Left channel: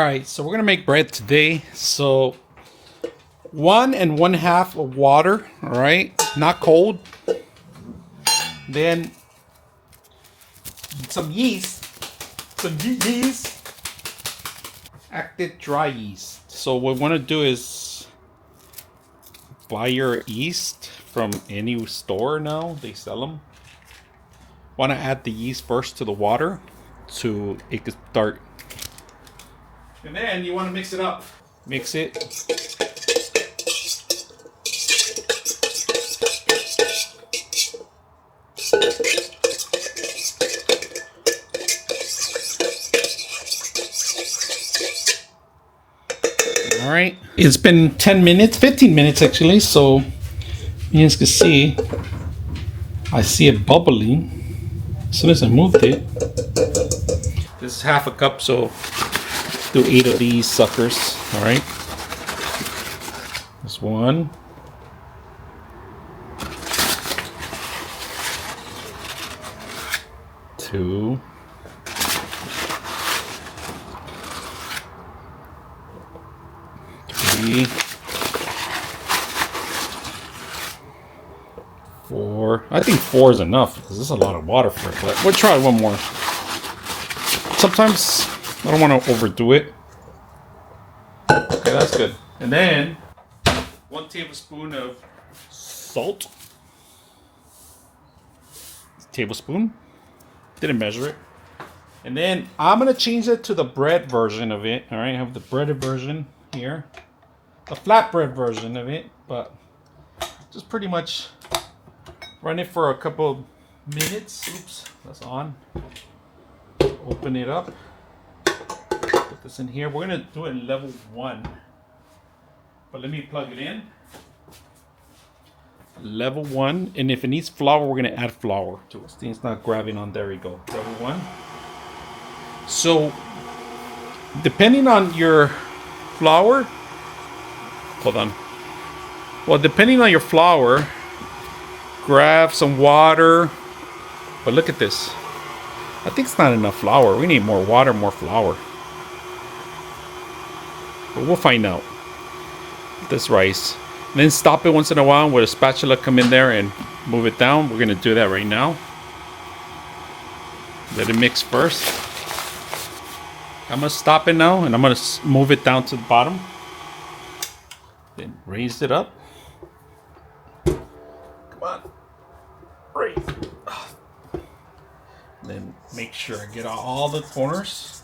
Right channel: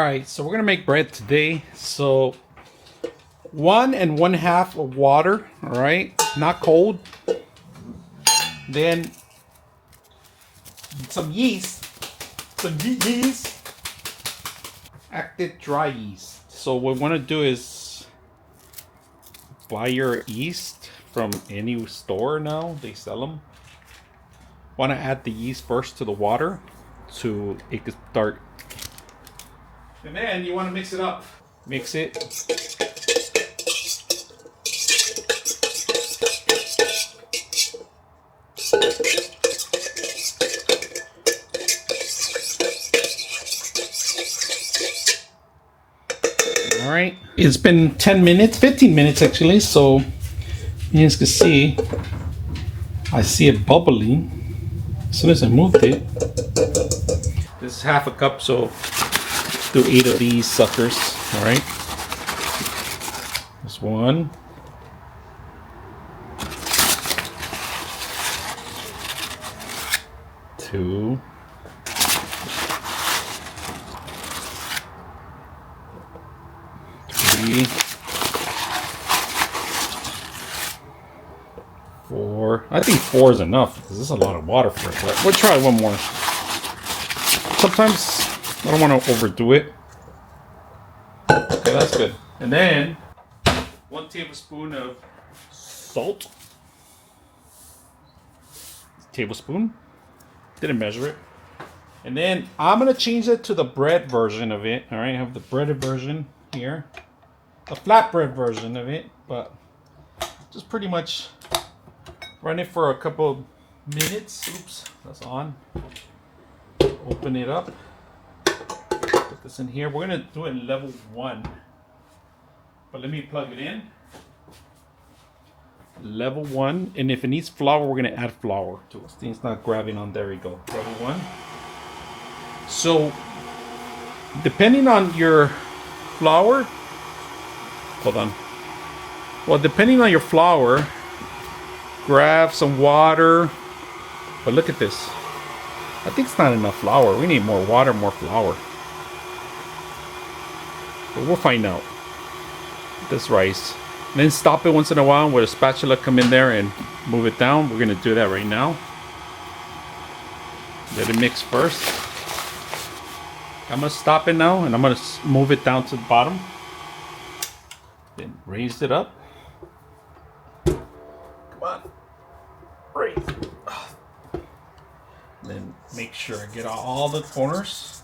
Alright, so we're gonna make bread today. So 1 1/2 of water, alright, not cold. Then some yeast, active dry yeast. So what we're gonna do is buy your yeast from any store now, they sell them. Want to add the yeast first to the water so it can start. And then you want to mix it up. Mix it. All right. It's been 10 minutes, 15 minutes actually. So you guys can see, I see it bubbling as soon as I moved it. This is half a cup, so do 8 of these suckers. All right. This 1. 2. 3. 4. I think 4 is enough because this is a lot of water for it, but we'll try one more. Sometimes I don't want to overdo it. Okay, that's good. And then 1 tablespoon of salt. Tablespoon. Didn't measure it. And then I'm gonna change it to the bread version of it. All right, I have the breaded version here, the flatbread version of it, but just pretty much run it for a couple minutes. Oops, that's on. Open it up. Put this in here. We're gonna do it in level 1, but let me plug it in. Level 1, and if it needs flour, we're gonna add flour to it. It's not grabbing on. There we go. Level 1. So, depending on your flour, hold on. Well, depending on your flour, grab some water. But look at this. I think it's not enough flour. We need more water, more flour. But we'll find out. This rice. And then stop it once in a while with a spatula, come in there and move it down. We're going to do that right now. Let it mix first. I'm going to stop it now and I'm going to move it down to the bottom. Then raise it up. Come on. Raise. Then make sure I get all the corners.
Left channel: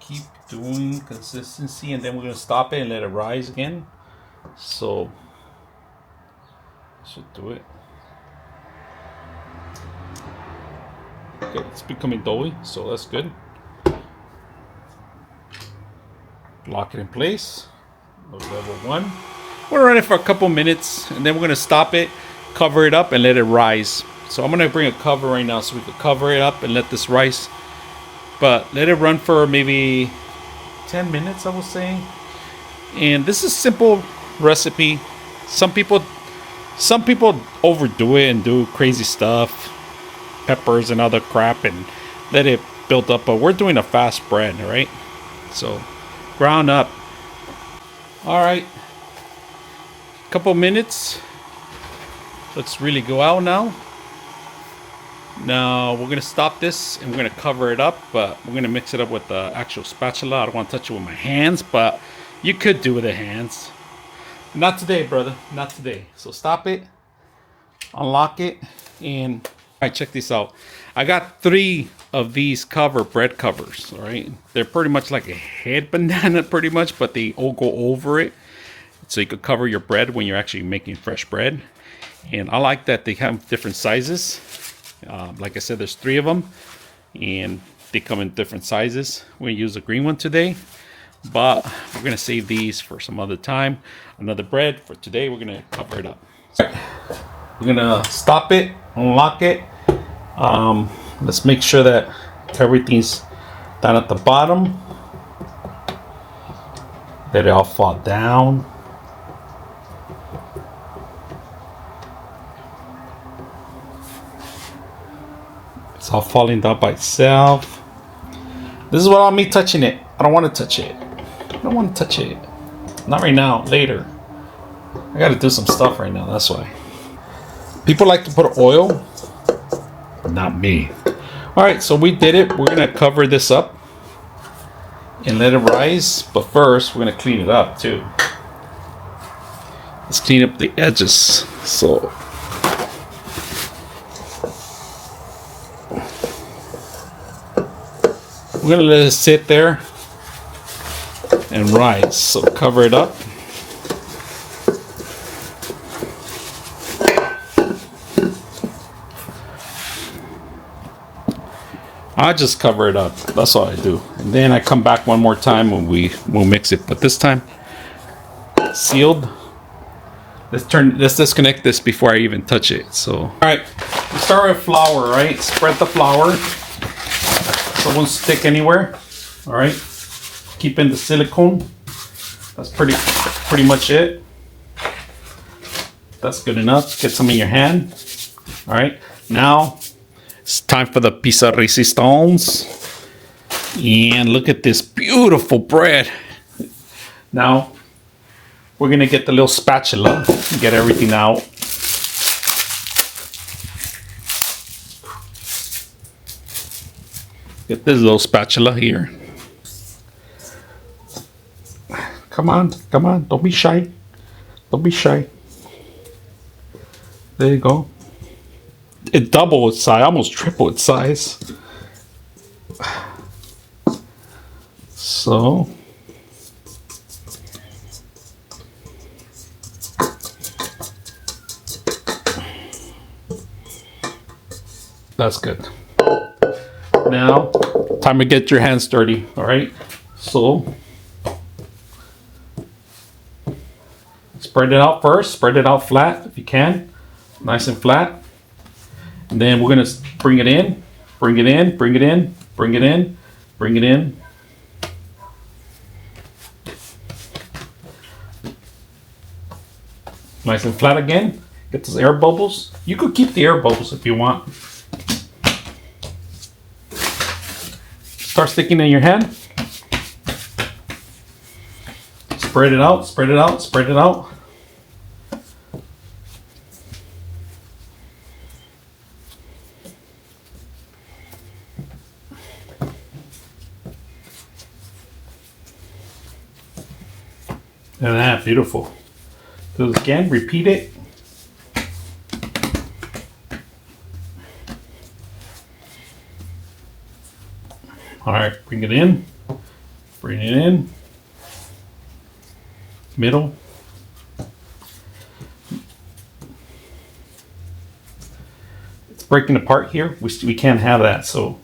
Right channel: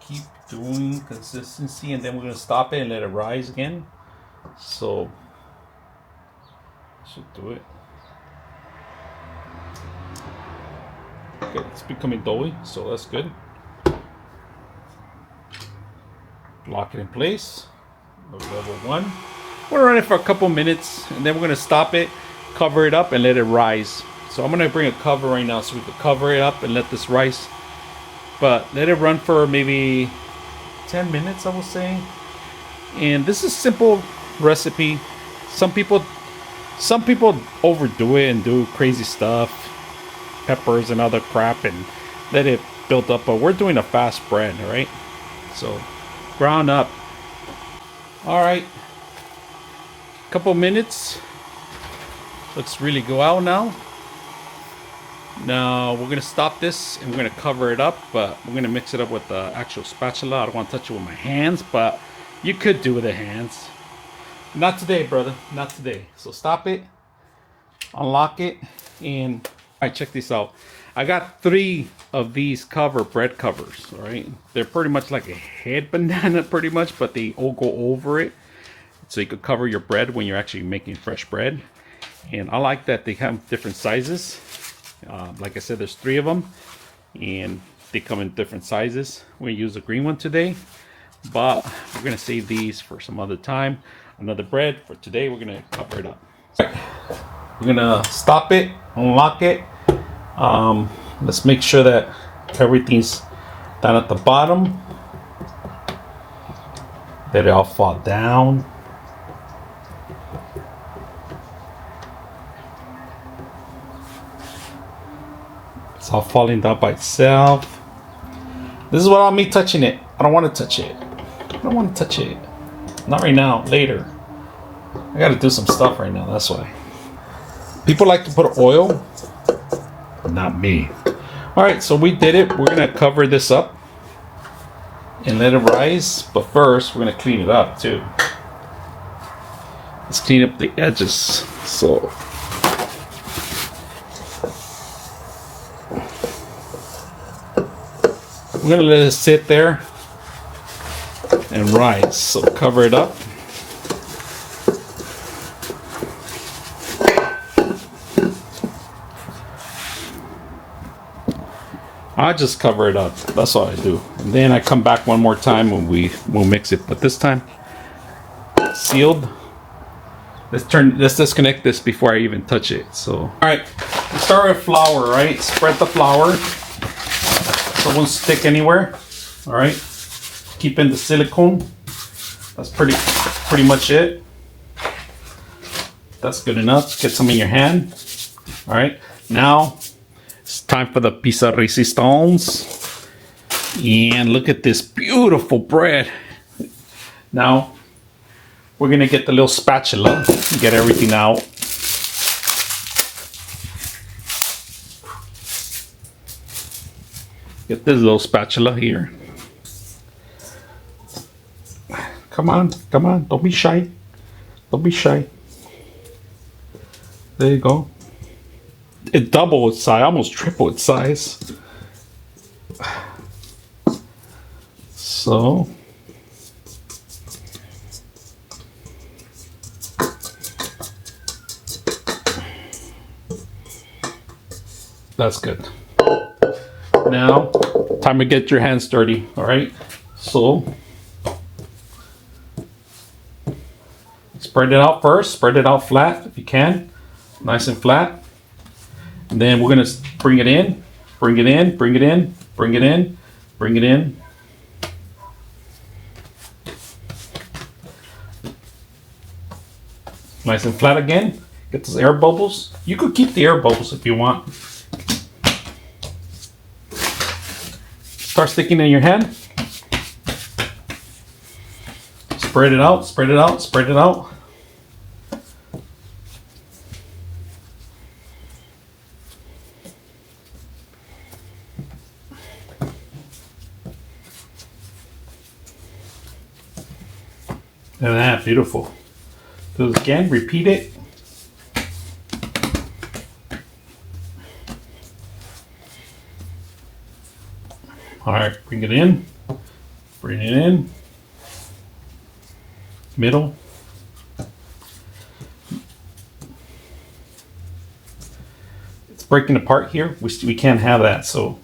Keep doing consistency, and then we're going to stop it and let it rise again. So should do it. Okay, it's becoming doughy, so that's good. Lock it in place. Level 1. We'll run it for a couple minutes, and then we're going to stop it, cover it up, and let it rise. So I'm going to bring a cover right now so we can cover it up and let this rise. But let it run for maybe 10 minutes, I was saying. And this is a simple recipe. Some people overdo it and do crazy stuff, peppers and other crap, and let it build up. But we're doing a fast bread, right? So ground up. All right, couple minutes. Let's really go out now. Now we're gonna stop this and we're gonna cover it up, but we're gonna mix it up with the actual spatula. I don't want to touch it with my hands, but you could do with the hands. Not today, brother. Not today. So stop it, unlock it, and all right, check this out. I got 3 of these bread covers. All right, they're pretty much like a head banana, pretty much, but they all go over it, so you could cover your bread when you're actually making fresh bread. And I like that they have different sizes. Like I said, there's 3 of them, and they come in different sizes. We use the green one today, but we're gonna save these for some other time. Another bread for today. We're gonna cover it up. We're gonna stop it, unlock it. Let's make sure that everything's down at the bottom. Let it all fall down. It's all falling down by itself. This is without me touching it. I don't want to touch it. I don't want to touch it. Not right now, later. I gotta do some stuff right now, that's why. People like to put oil, but not me. Alright, so we did it. We're gonna cover this up and let it rise. But first, we're gonna clean it up too. Let's clean up the edges. So we're gonna let it sit there and rise. So cover it up. I just cover it up. That's all I do. And then I come back one more time when we'll mix it. But this time, sealed. Let's disconnect this before I even touch it. So, all right, let's start with flour. Right, spread the flour so it won't stick anywhere. All right, keep in the silicone. That's pretty much it. That's good enough. Get some in your hand. All right, now it's time for the piece of resistance. And look at this beautiful bread. Now we're gonna get the little spatula and get everything out. Get this little spatula here. Come on, come on, don't be shy. Don't be shy. There you go. It doubled its size, almost triple its size. So that's good. Now, time to get your hands dirty, all right? So spread it out first, spread it out flat if you can, nice and flat. And then we're gonna bring it in, bring it in, bring it in, bring it in, bring it in. Nice and flat again. Get those air bubbles. You could keep the air bubbles if you want. Start sticking in your hand. Spread it out, spread it out, spread it out. And that, beautiful. Do this again, repeat it. All right, bring it in, bring it in, middle. It's breaking apart here. We can't have that, so.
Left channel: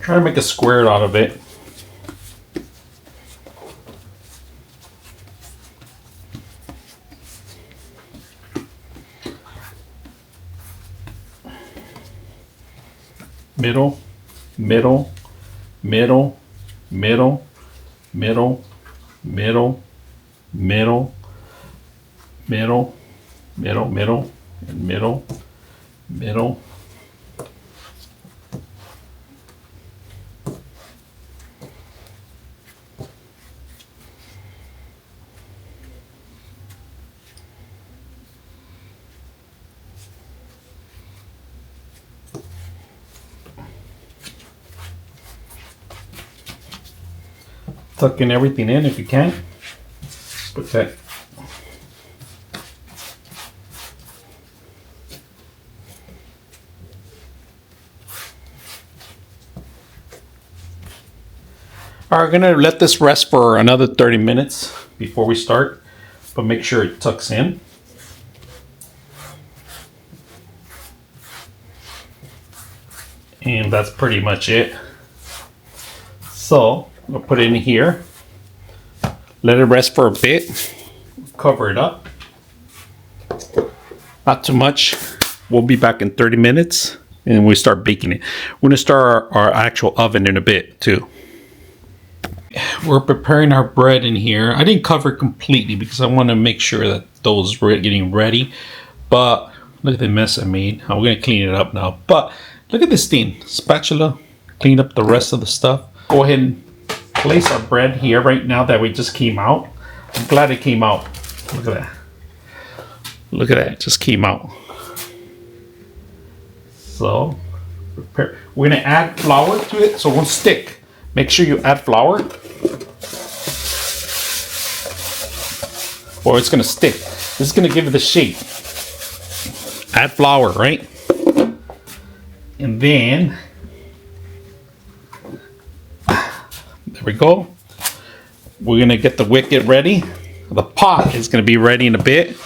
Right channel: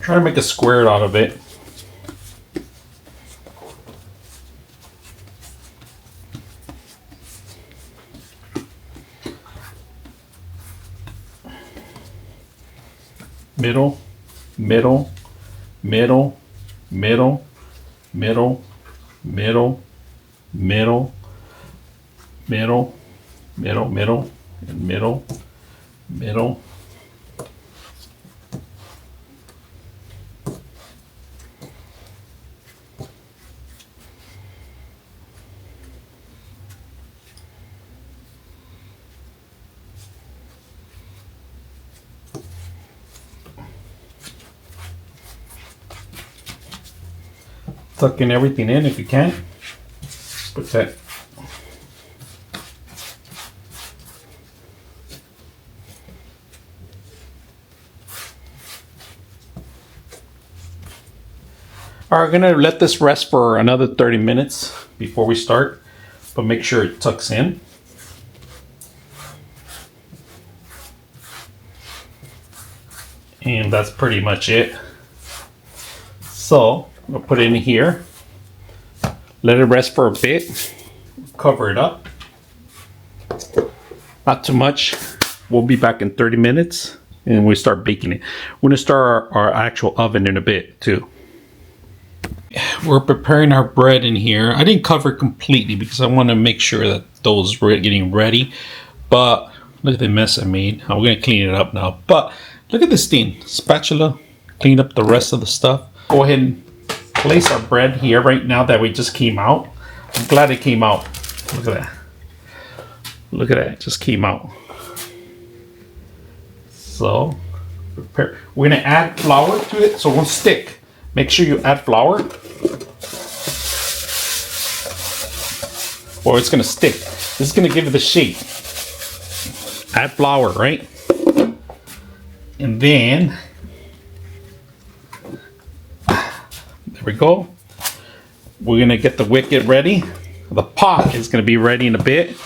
Try to make a square out of it. Middle, middle, middle, middle, middle, middle, middle, middle, middle, middle, and middle, middle. Tuck in everything in if you can. Put that. All right, we're gonna let this rest for another 30 minutes before we start, but make sure it tucks in. And that's pretty much it. So I'll put it in here, let it rest for a bit, cover it up. Not too much. We'll be back in 30 minutes. and we start baking it. We're gonna start our actual oven in a bit too. We're preparing our bread in here. I didn't cover it completely because I want to make sure that those were getting ready. But look at the mess I made. I'm gonna clean it up now. But look at this thing, spatula. Clean up the rest of the stuff. Go ahead and place our bread here right now that we just came out. I'm glad it came out. Look at that. Look at that. It just came out. So prepare. We're gonna add flour to it so it won't stick. Make sure you add flour or it's gonna stick. This is gonna give it the shape. Add flour, right? And then there we go. We're gonna get the wicket ready. The pot is gonna be ready in a bit,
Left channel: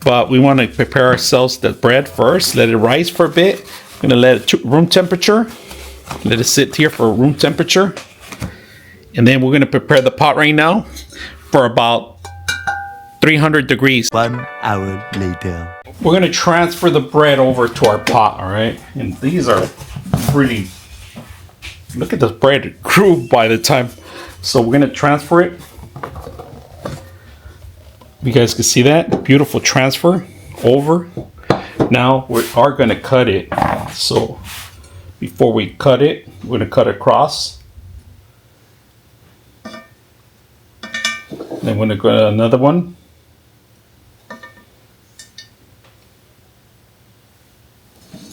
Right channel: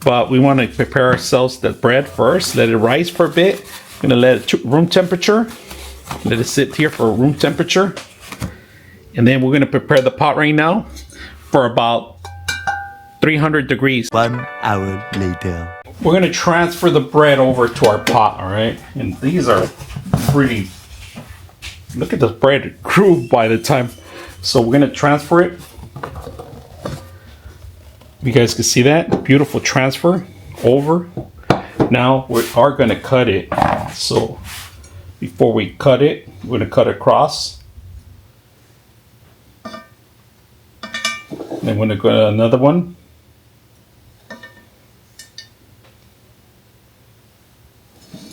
but we want to prepare ourselves the bread first. Let it rise for a bit. I'm gonna let it to room temperature. Let it sit here for room temperature. And then we're gonna prepare the pot right now for about 300 degrees. 1 hour later. We're gonna transfer the bread over to our pot, all right? And these are really, look at the bread, it grew by the time. So we're gonna transfer it. You guys can see that, beautiful transfer over. Now we are gonna cut it. So before we cut it, we're gonna cut across. Then we're gonna go another one.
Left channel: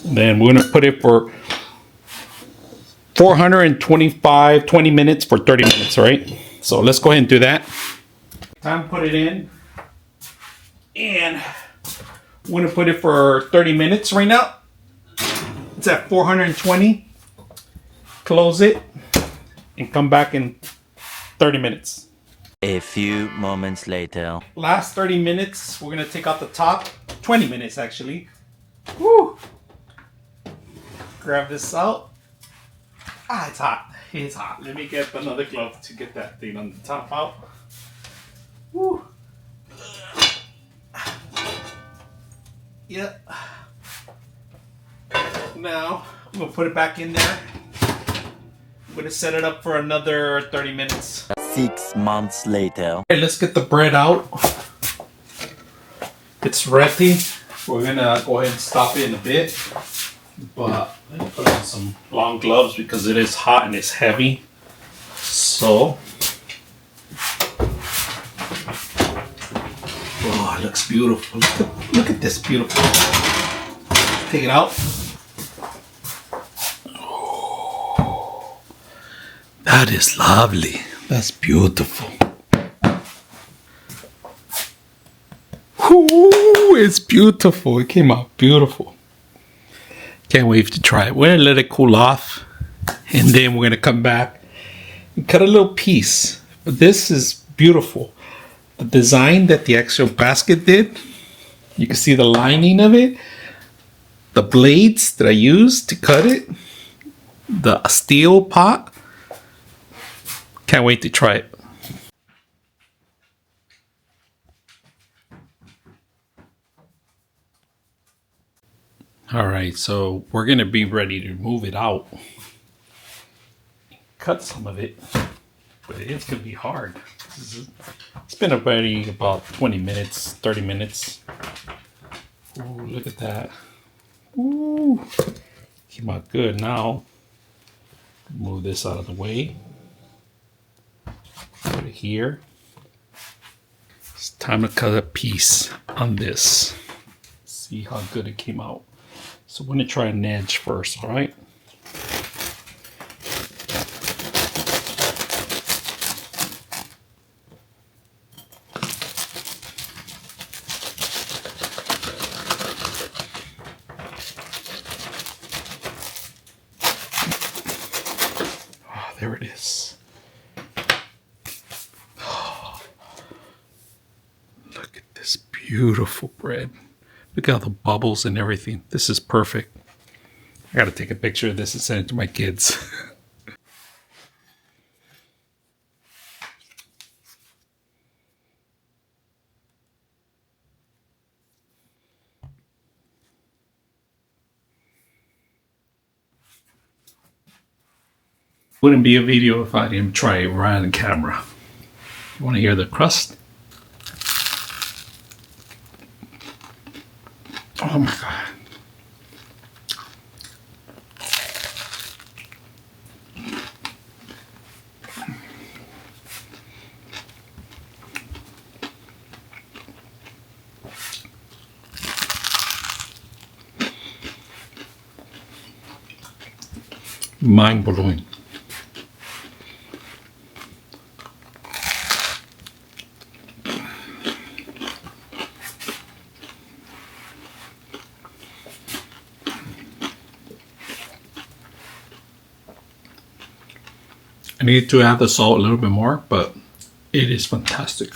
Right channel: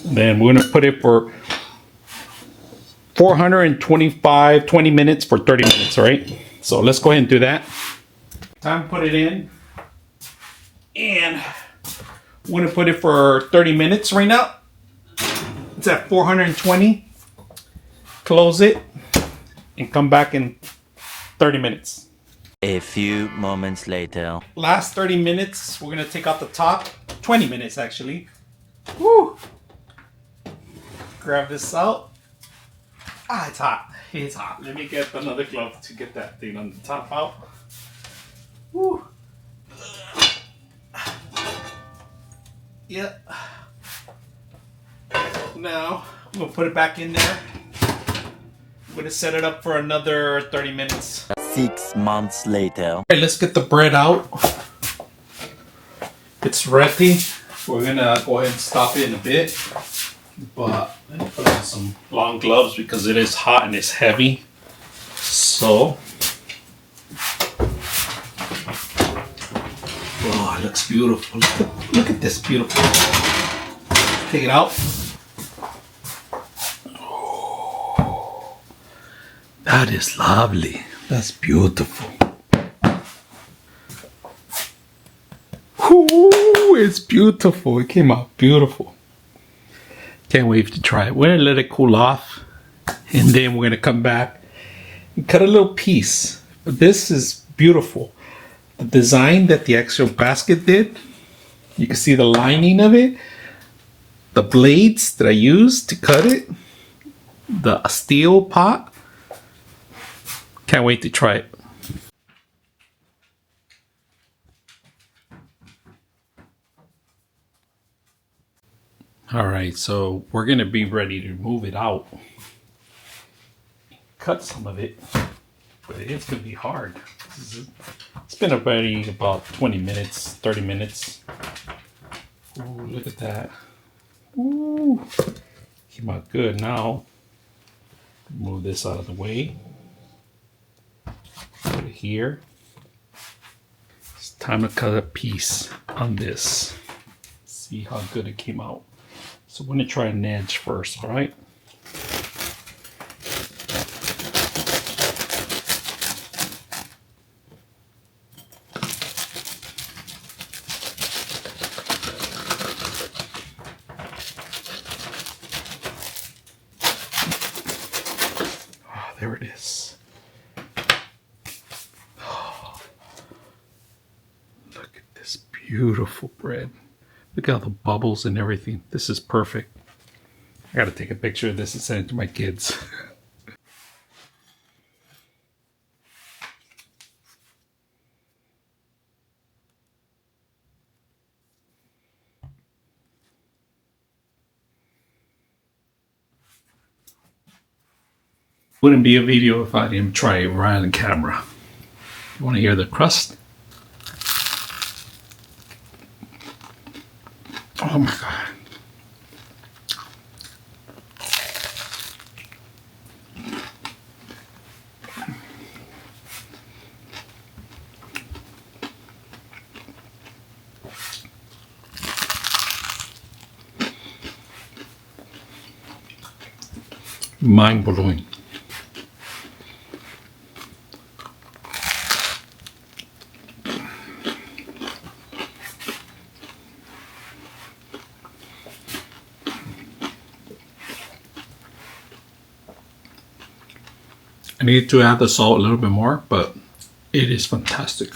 Then we're gonna put it for 20 minutes for 30 minutes, all right? So let's go ahead and do that. Time to put it in. And we're gonna put it for 30 minutes right now. It's at 420. Close it and come back in 30 minutes. A few moments later. Last 30 minutes, we're gonna take out the top. 20 minutes actually. Woo! Grab this out. Ah, it's hot. It's hot. Let me get another glove to get that thing on the top out. Woo! Yep. Now, I'm gonna put it back in there. I'm gonna set it up for another 30 minutes. 6 months later. Okay, let's get the bread out. It's ready. We're gonna go ahead and stop it in a bit. But I'm gonna put on some long gloves because it is hot and it's heavy. So, oh, it looks beautiful. Look at this beautiful. Take it out. Oh, that is lovely. That's beautiful. Ooh, it's beautiful. It came out beautiful. Can't wait to try it. We're gonna let it cool off, and then we're gonna come back and cut a little piece. But this is beautiful. The design that the actual basket did, you can see the lining of it, the blades that I used to cut it, the steel pot. Can't wait to try it. All right, so we're gonna be ready to move it out. Cut some of it, but it's gonna be hard. It's been about 20 minutes, 30 minutes. Ooh, look at that. Ooh, came out good. Now, move this out of the way. Put it here. It's time to cut a piece on this. See how good it came out. So we're gonna try an edge first, all right? Oh, there it is. Look at this beautiful bread. Look at all the bubbles and everything. This is perfect. I gotta take a picture of this and send it to my kids. Wouldn't be a video if I didn't try it right on camera. You want to hear the crust? Oh my god. Mind blowing. I need to add the salt a little bit more, but it is fantastic.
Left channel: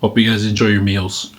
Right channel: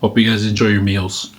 Hope you guys enjoy your meals.